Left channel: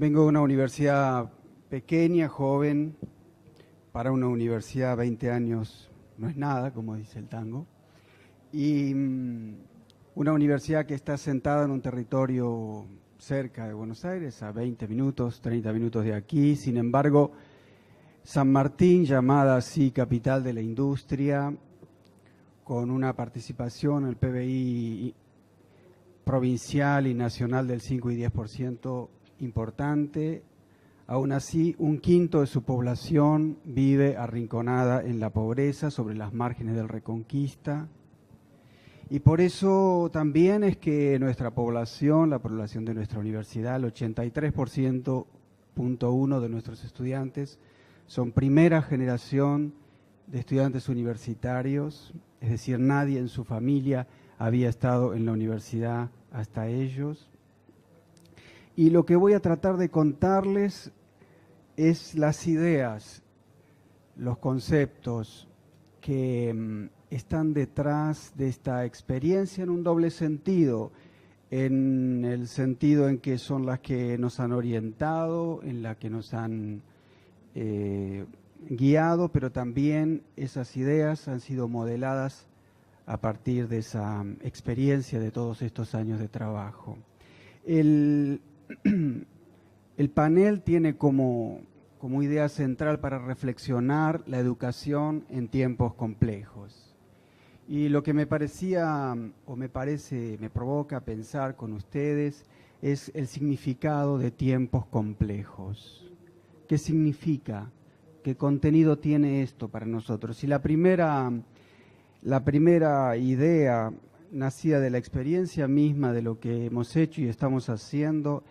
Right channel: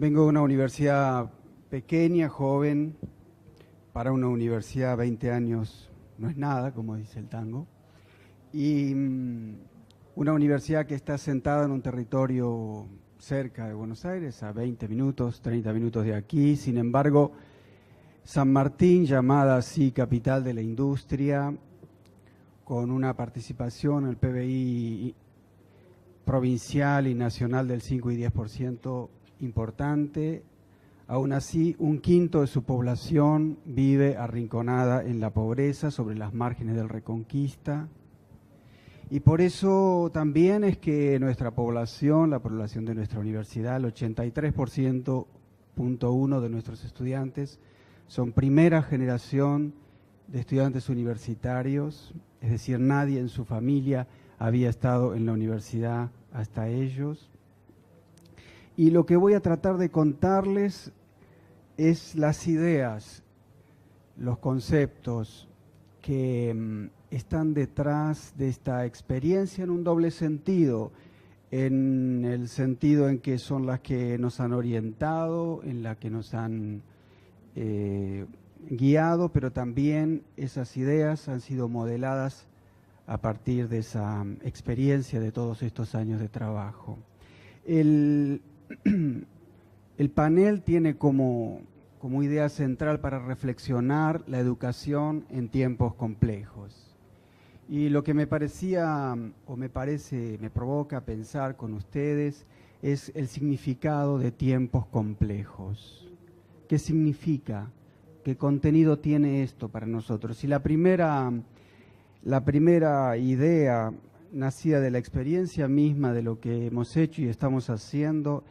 Vengo de una universidad pequeña, joven. Para una universidad 20 años no es nada, como dice el tango. Y una universidad que está sentada en un territorio cerca de Buenos Aires, a 20 minutos, 30 minutos de aquí. Sin embargo, San Martín, llamada así capital de la industria, con una participación en el PBI provincial y nacional del 5 y 10% importante. Aún así, un quinto de su población vive arrinconada en la pobreza, sobre las márgenes del Reconquista. Y por eso también es que nuestra población, la población de nuestra universidad, el 83.1% de nuestros estudiantes son primera generación de estudiantes universitarios, es decir, nadie en su familia había estado en la universidad hasta ellos. Y lo que voy a tratar de contarles es las ideas, los conceptos que están detrás de esta experiencia en un doble sentido, en el sentido en que son las que nos han orientado, en las que nos han guiado, pero también esas ideas han sido modeladas a partir de esa experiencia de todos estos años de trabajo. El panel tiene como idea central para reflexionar la educación en tiempos complejos. Y lo que me parecía, o me provoca pensar con ustedes, es el significado de tiempos complejos. ¿Qué significa? ¿Qué contenido tiene esto para nosotros? Y la primera idea nacida de la experiencia misma de lo que hemos hecho y estamos haciendo.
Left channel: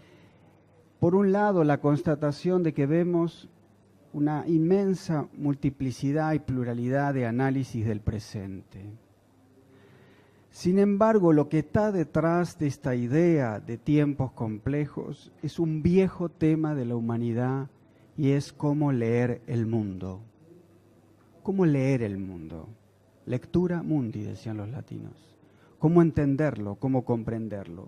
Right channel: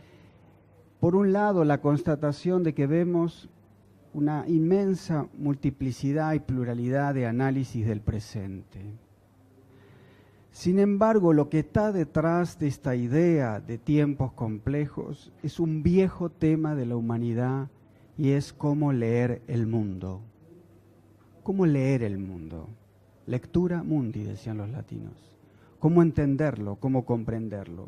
Por un lado, la constatación de que vemos una inmensa multiplicidad y pluralidad de análisis del presente. Sin embargo, lo que está detrás de esta idea de tiempos complejos es un viejo tema de la humanidad y es cómo leer el mundo. ¿Cómo leer el mundo? Lectura mundi, decían los latinos. ¿Cómo entenderlo? ¿Cómo comprenderlo?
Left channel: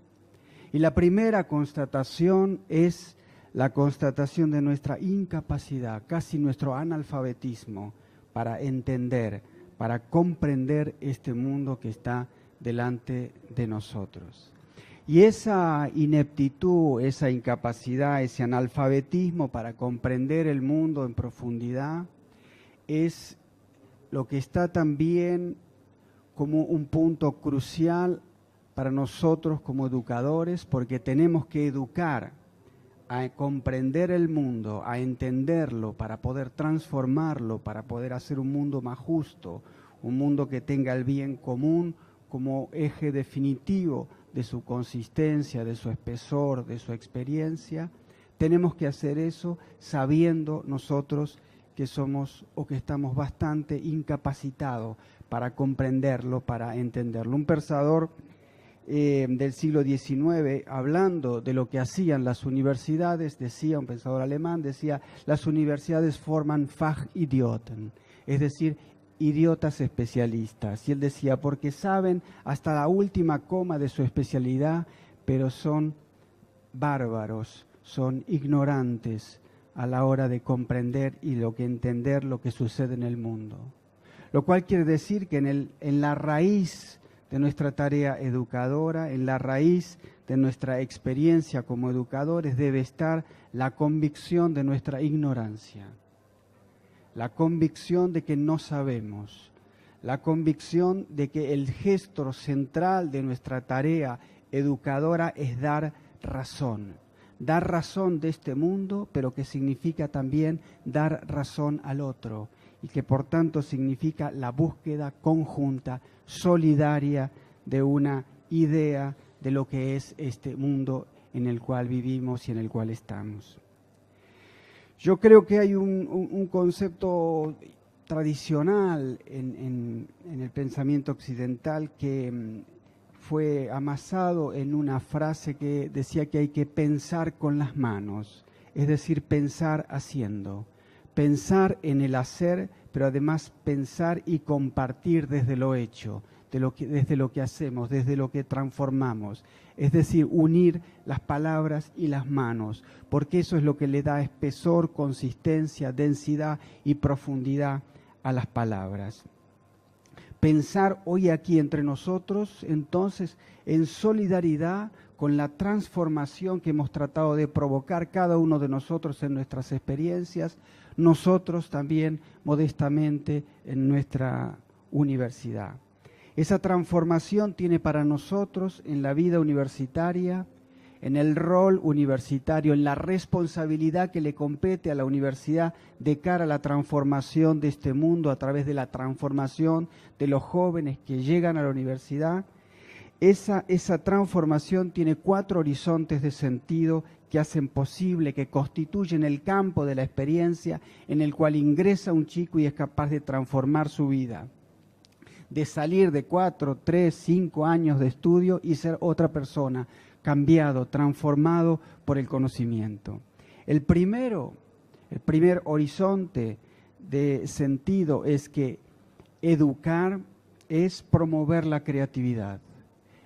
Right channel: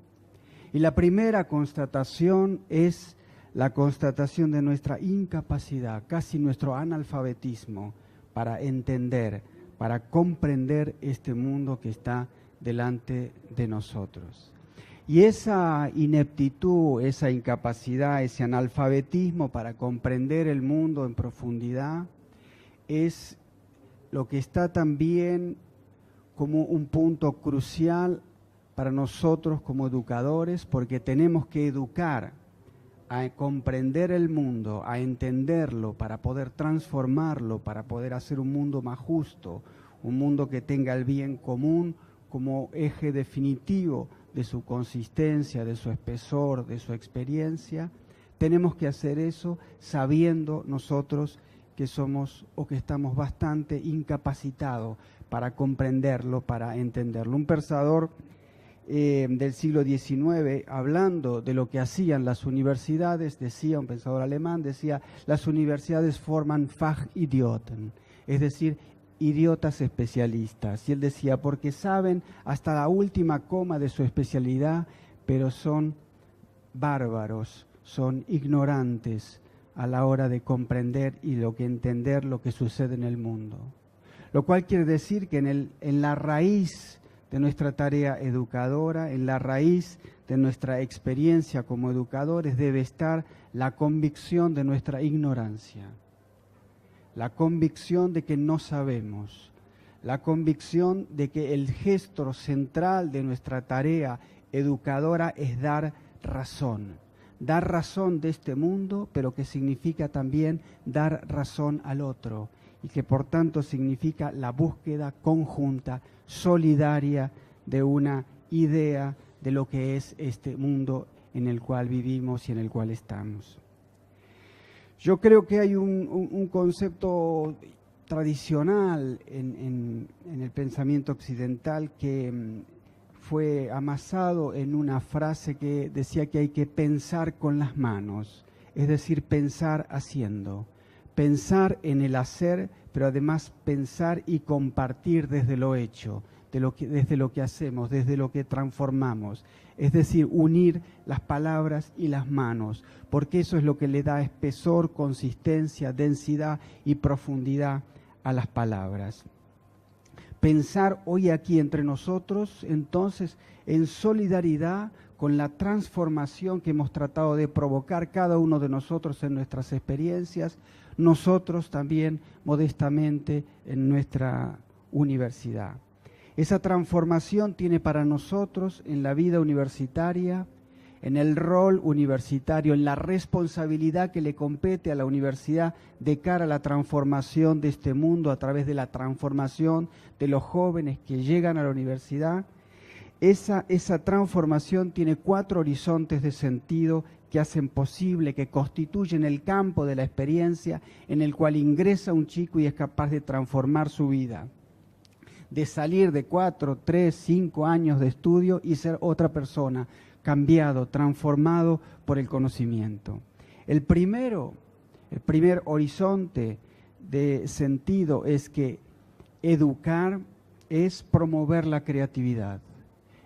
Y la primera constatación es la constatación de nuestra incapacidad, casi nuestro analfabetismo, para entender, para comprender este mundo que está delante de nosotros. Y esa ineptitud, esa incapacidad, ese analfabetismo para comprender el mundo en profundidad es lo que está también como un punto crucial para nosotros como educadores, porque tenemos que educar a comprender el mundo, a entenderlo, para poder transformarlo, para poder hacer un mundo más justo, un mundo que tenga el bien común como eje definitivo de su consistencia, de su espesor, de su experiencia. Tenemos que hacer eso sabiendo nosotros que somos o que estamos bastante incapacitados para comprenderlo, para entenderlo. Un pensador del siglo XIX, hablando de lo que hacían las universidades, decía, un pensador alemán, decía, las universidades forman Fachidioten, es decir, idiotas especialistas. Y él decía, porque saben hasta la última coma de su especialidad, pero son bárbaros, son ignorantes a la hora de comprender y entender lo que sucede en el mundo. Lo cual quiere decir que en la raíz de nuestra tarea educadora, en la raíz de nuestra experiencia como educadores, debe estar la convicción de nuestra ignorancia, la convicción de que no sabemos, la convicción de que el gesto central de nuestra tarea educadora es dar razón de este mundo, pero que significa también dar razón al otro, y que por tanto significa la búsqueda conjunta, solidaria, de una idea de lo que es este mundo en el cual vivimos y en el cual estamos. Yo creo que hay un concepto tradicional en el pensamiento occidental que fue amasado en una frase que decía que hay que pensar con las manos, es decir, pensar haciendo. Pensar en el hacer, pero además pensar y compartir desde lo hecho, desde lo que hacemos, desde lo que transformamos. Es decir, unir las palabras y las manos, porque eso es lo que le da espesor, consistencia, densidad y profundidad a las palabras. Pensar hoy aquí entre nosotros, entonces, en solidaridad con la transformación que hemos tratado de provocar cada uno de nosotros en nuestras experiencias, nosotros también modestamente en nuestra universidad. Esa transformación tiene para nosotros en la vida universitaria, en el rol universitario, en la responsabilidad que le compete a la universidad de cara a la transformación de este mundo a través de la transformación de los jóvenes que llegan a la universidad. Esa transformación tiene 4 horizontes de sentido que hacen posible, que constituyen el campo de la experiencia en el cual ingresa un chico y es capaz de transformar su vida, de salir de 4, 3, 5 años de estudio y ser otra persona, cambiado, transformado por el conocimiento. El primer horizonte de sentido es que educar es promover la creatividad.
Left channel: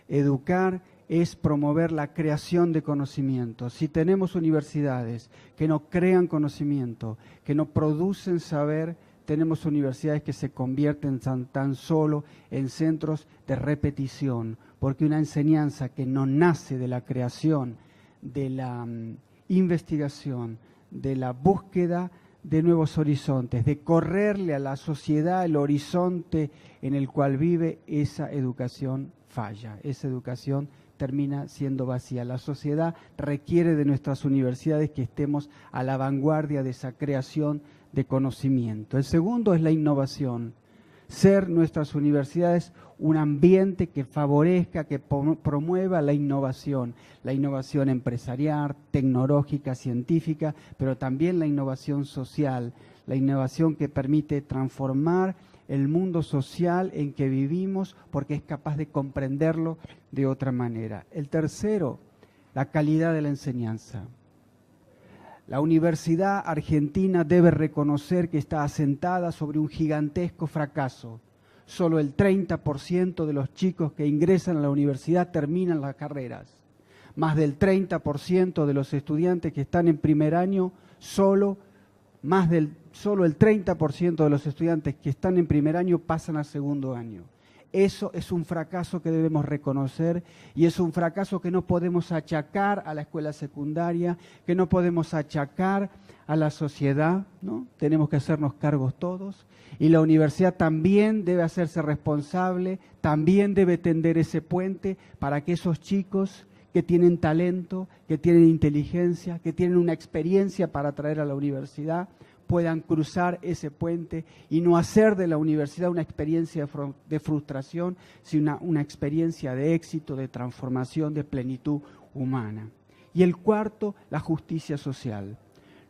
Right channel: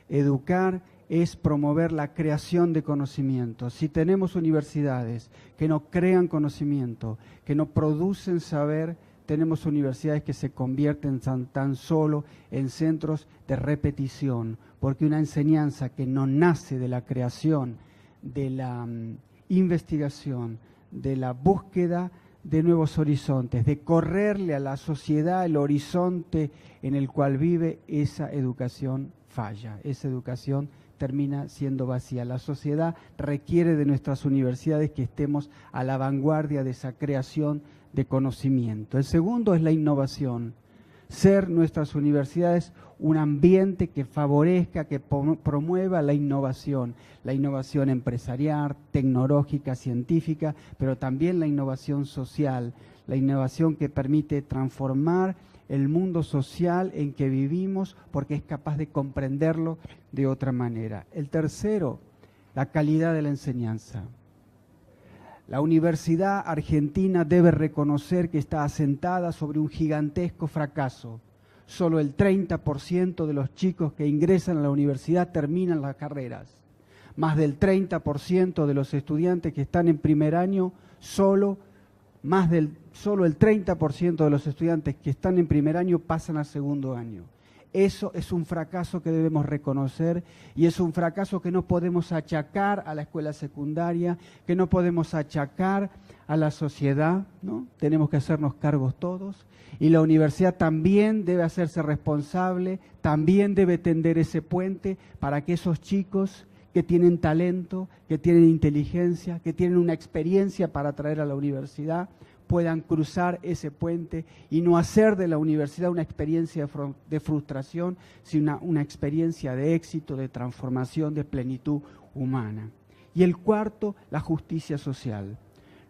Educar es promover la creación de conocimiento. Si tenemos universidades que no crean conocimiento, que no producen saber, tenemos universidades que se convierten tan solo en centros de repetición, porque una enseñanza que no nace de la creación, de la investigación, de la búsqueda de nuevos horizontes, de correrle a la sociedad el horizonte en el cual vive, esa educación falla, esa educación termina siendo vacía. La sociedad requiere de nuestras universidades que estemos a la vanguardia de esa creación de conocimiento. El segundo es la innovación. Ser nuestras universidades un ambiente que favorezca, que promueva la innovación empresarial, tecnológica, científica, pero también la innovación social, la innovación que permite transformar el mundo social en que vivimos porque es capaz de comprenderlo de otra manera. El tercero, la calidad de la enseñanza. La Universidad Argentina debe reconocer que está asentada sobre un gigantesco fracaso. Solo el 30% de los chicos que ingresan a la universidad terminan las carreras. Más del 30% de los estudiantes que están en primer año, solo el 30% de los estudiantes que están en primer año pasan al segundo año. Eso es un fracaso que debemos reconocer y es un fracaso que no podemos achacar a la escuela secundaria, que no podemos achacar a la sociedad, ¿no? Tenemos que hacernos cargos todos y la universidad también debe hacerse responsable, también debe tender ese puente para que esos chicos que tienen talento, que tienen inteligencia, que tienen una experiencia para traer a la universidad, puedan cruzar ese puente y no hacer de la universidad una experiencia de frustración, sino una experiencia de éxito, de transformación, de plenitud humana. Y el cuarto, la justicia social.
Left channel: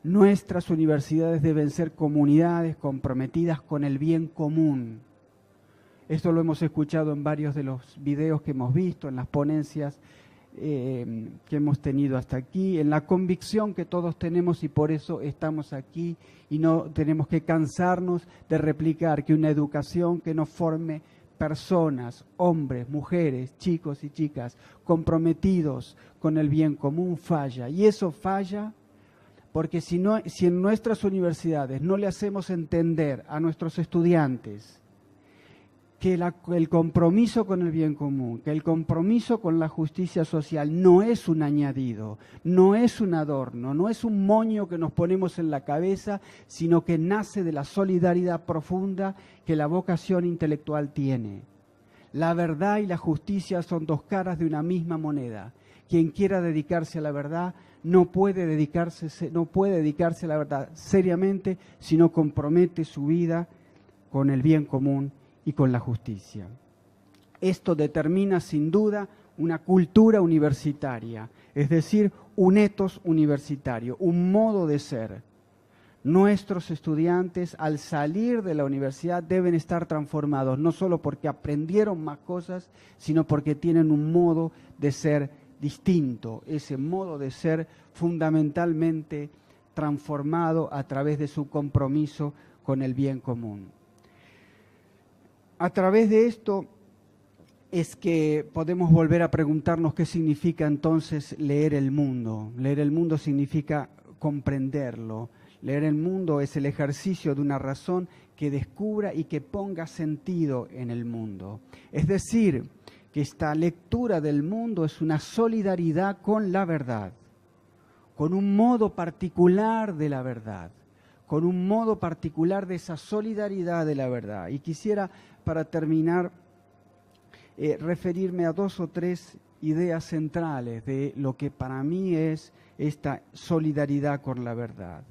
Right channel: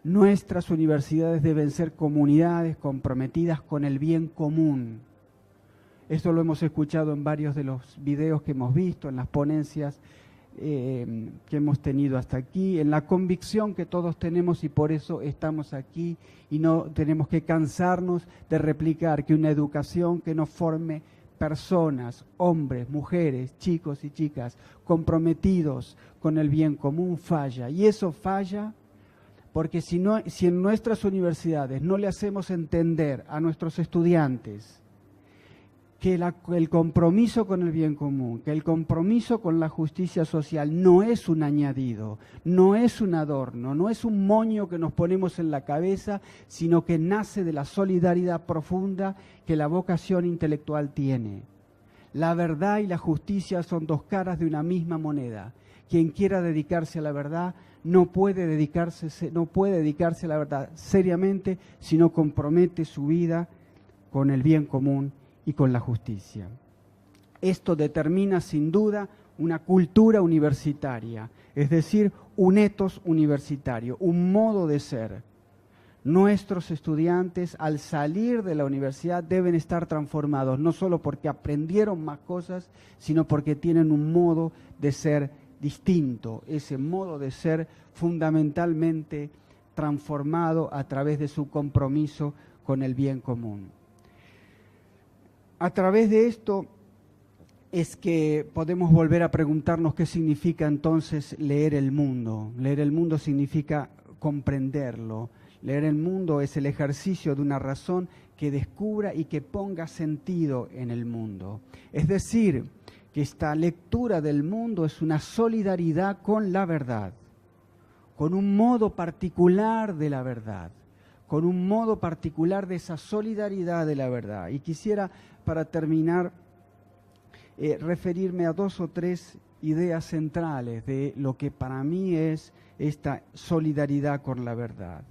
Nuestras universidades deben ser comunidades comprometidas con el bien común. Esto lo hemos escuchado en varios de los videos que hemos visto, en las ponencias que hemos tenido hasta aquí, en la convicción que todos tenemos y por eso estamos aquí y no tenemos que cansarnos de replicar que una educación que no forme personas, hombres, mujeres, chicos y chicas comprometidos con el bien común falla. Y eso falla porque si en nuestras universidades no le hacemos entender a nuestros estudiantes que el compromiso con el bien común, que el compromiso con la justicia social no es un añadido, no es un adorno, no es un moño que nos ponemos en la cabeza, sino que nace de la solidaridad profunda que la vocación intelectual tiene. La verdad y la justicia son dos caras de una misma moneda. Quien quiera dedicarse a la verdad no puede dedicarse a la verdad seriamente si no compromete su vida con el bien común y con la justicia. Esto determina sin duda una cultura universitaria, es decir, un ethos universitario, un modo de ser. Nuestros estudiantes al salir de la universidad deben estar transformados, no solo porque aprendieron más cosas, sino porque tienen un modo de ser distinto, ese modo de ser fundamentalmente transformado a través de su compromiso con el bien común. A través de esto es que podemos volver a preguntarnos qué significa entonces leer el mundo. Leer el mundo significa comprenderlo. Leer el mundo es el ejercicio de una razón que descubra y que ponga sentido en el mundo. Es decir, que esta lectura del mundo es una solidaridad con la verdad, con un modo particular de la verdad, con un modo particular de esa solidaridad de la verdad. Y quisiera, para terminar, referirme a 2 o 3 ideas centrales de lo que para mí es esta solidaridad con la verdad.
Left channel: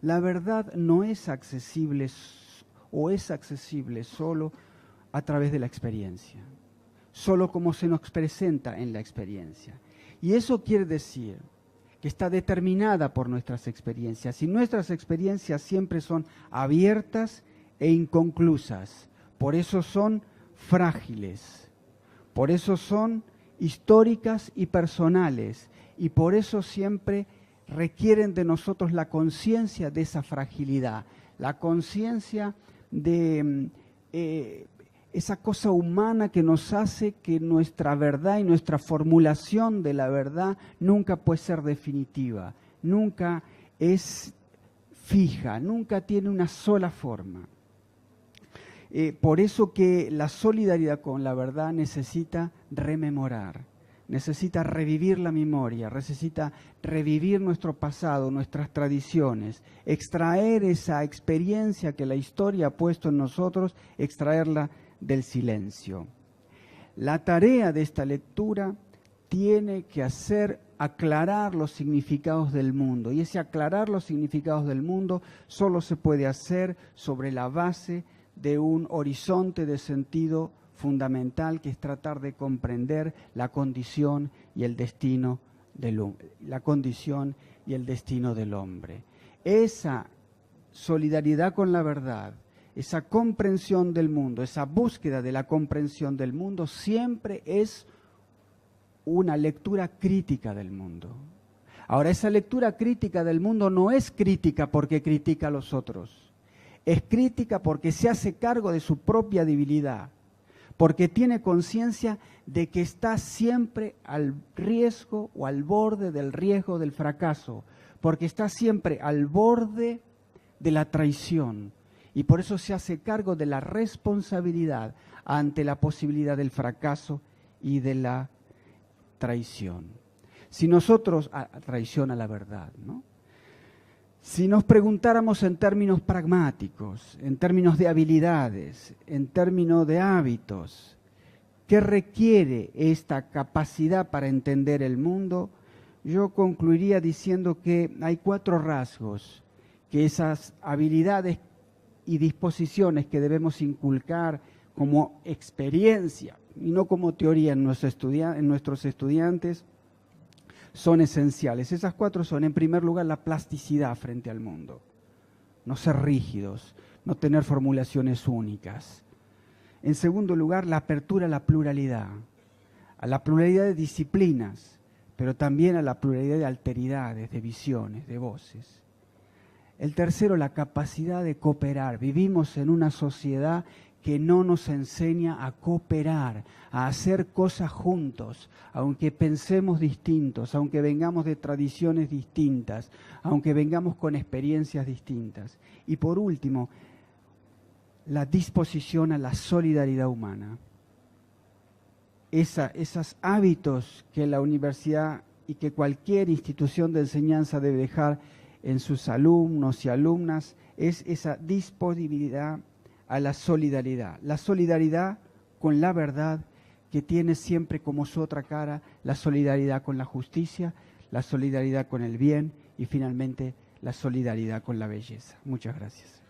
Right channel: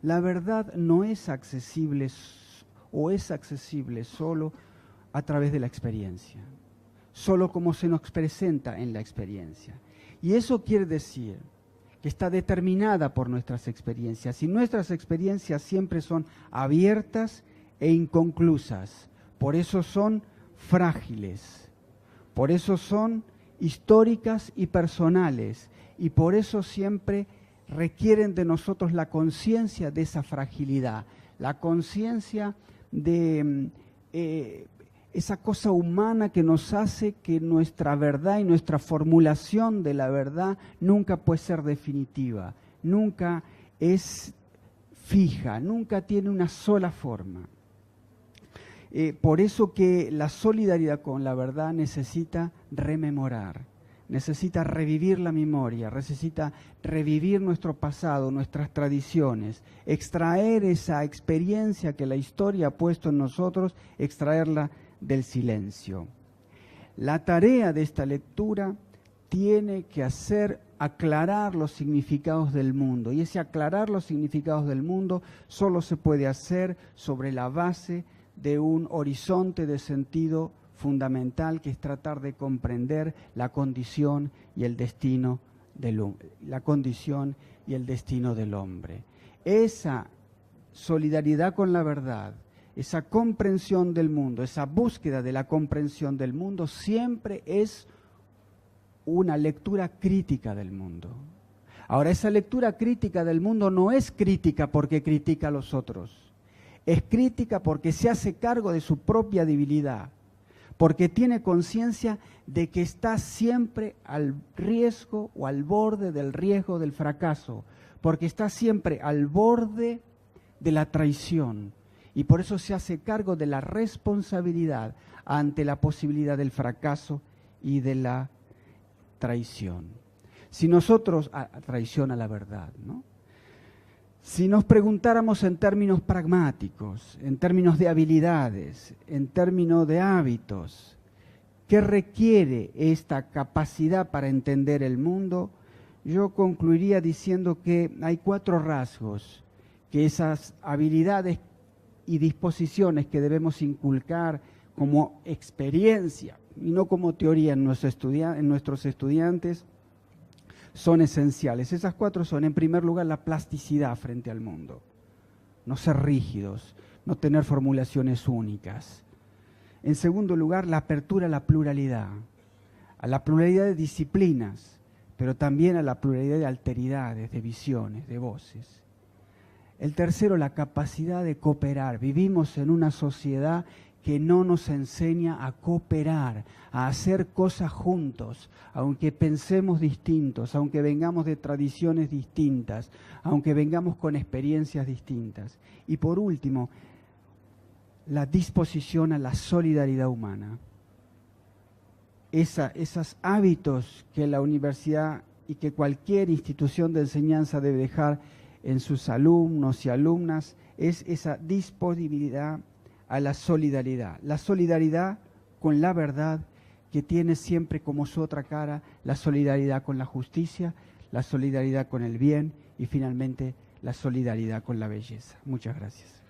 La verdad no es accesible o es accesible solo a través de la experiencia, solo como se nos presenta en la experiencia. Y eso quiere decir que está determinada por nuestras experiencias, y nuestras experiencias siempre son abiertas e inconclusas, por eso son frágiles. Por eso son históricas y personales, y por eso siempre requieren de nosotros la conciencia de esa fragilidad, la conciencia de esa cosa humana que nos hace que nuestra verdad y nuestra formulación de la verdad nunca puede ser definitiva, nunca es fija, nunca tiene una sola forma. Por eso que la solidaridad con la verdad necesita rememorar, necesita revivir la memoria, necesita revivir nuestro pasado, nuestras tradiciones, extraer esa experiencia que la historia ha puesto en nosotros, extraerla del silencio. La tarea de esta lectura tiene que hacer aclarar los significados del mundo, y ese aclarar los significados del mundo solo se puede hacer sobre la base de un horizonte de sentido fundamental, que es tratar de comprender la condición y el destino del hombre. Esa solidaridad con la verdad, esa comprensión del mundo, esa búsqueda de la comprensión del mundo siempre es una lectura crítica del mundo. Ahora, esa lectura crítica del mundo no es crítica porque critica a los otros. Es crítica porque se hace cargo de su propia debilidad, porque tiene conciencia de que está siempre al riesgo o al borde del riesgo del fracaso, porque está siempre al borde de la traición, y por eso se hace cargo de la responsabilidad ante la posibilidad del fracaso y de la traición. Si nosotros, traición a la verdad, ¿no? Si nos preguntáramos en términos pragmáticos, en términos de habilidades, en términos de hábitos, ¿qué requiere esta capacidad para entender el mundo? Yo concluiría diciendo que hay 4 rasgos que esas habilidades y disposiciones que debemos inculcar como experiencia y no como teoría en nuestros estudiantes son esenciales. Esas 4 son, en primer lugar, la plasticidad frente al mundo. No ser rígidos, no tener formulaciones únicas. En segundo lugar, la apertura a la pluralidad de disciplinas, pero también a la pluralidad de alteridades, de visiones, de voces. El tercero, la capacidad de cooperar. Vivimos en una sociedad que no nos enseña a cooperar, a hacer cosas juntos, aunque pensemos distintos, aunque vengamos de tradiciones distintas, aunque vengamos con experiencias distintas. Y por último, la disposición a la solidaridad humana. Esos hábitos que la universidad y que cualquier institución de enseñanza debe dejar en sus alumnos y alumnas, es esa disponibilidad a la solidaridad con la verdad, que tiene siempre como su otra cara la solidaridad con la justicia, la solidaridad con el bien y finalmente la solidaridad con la belleza. Muchas gracias.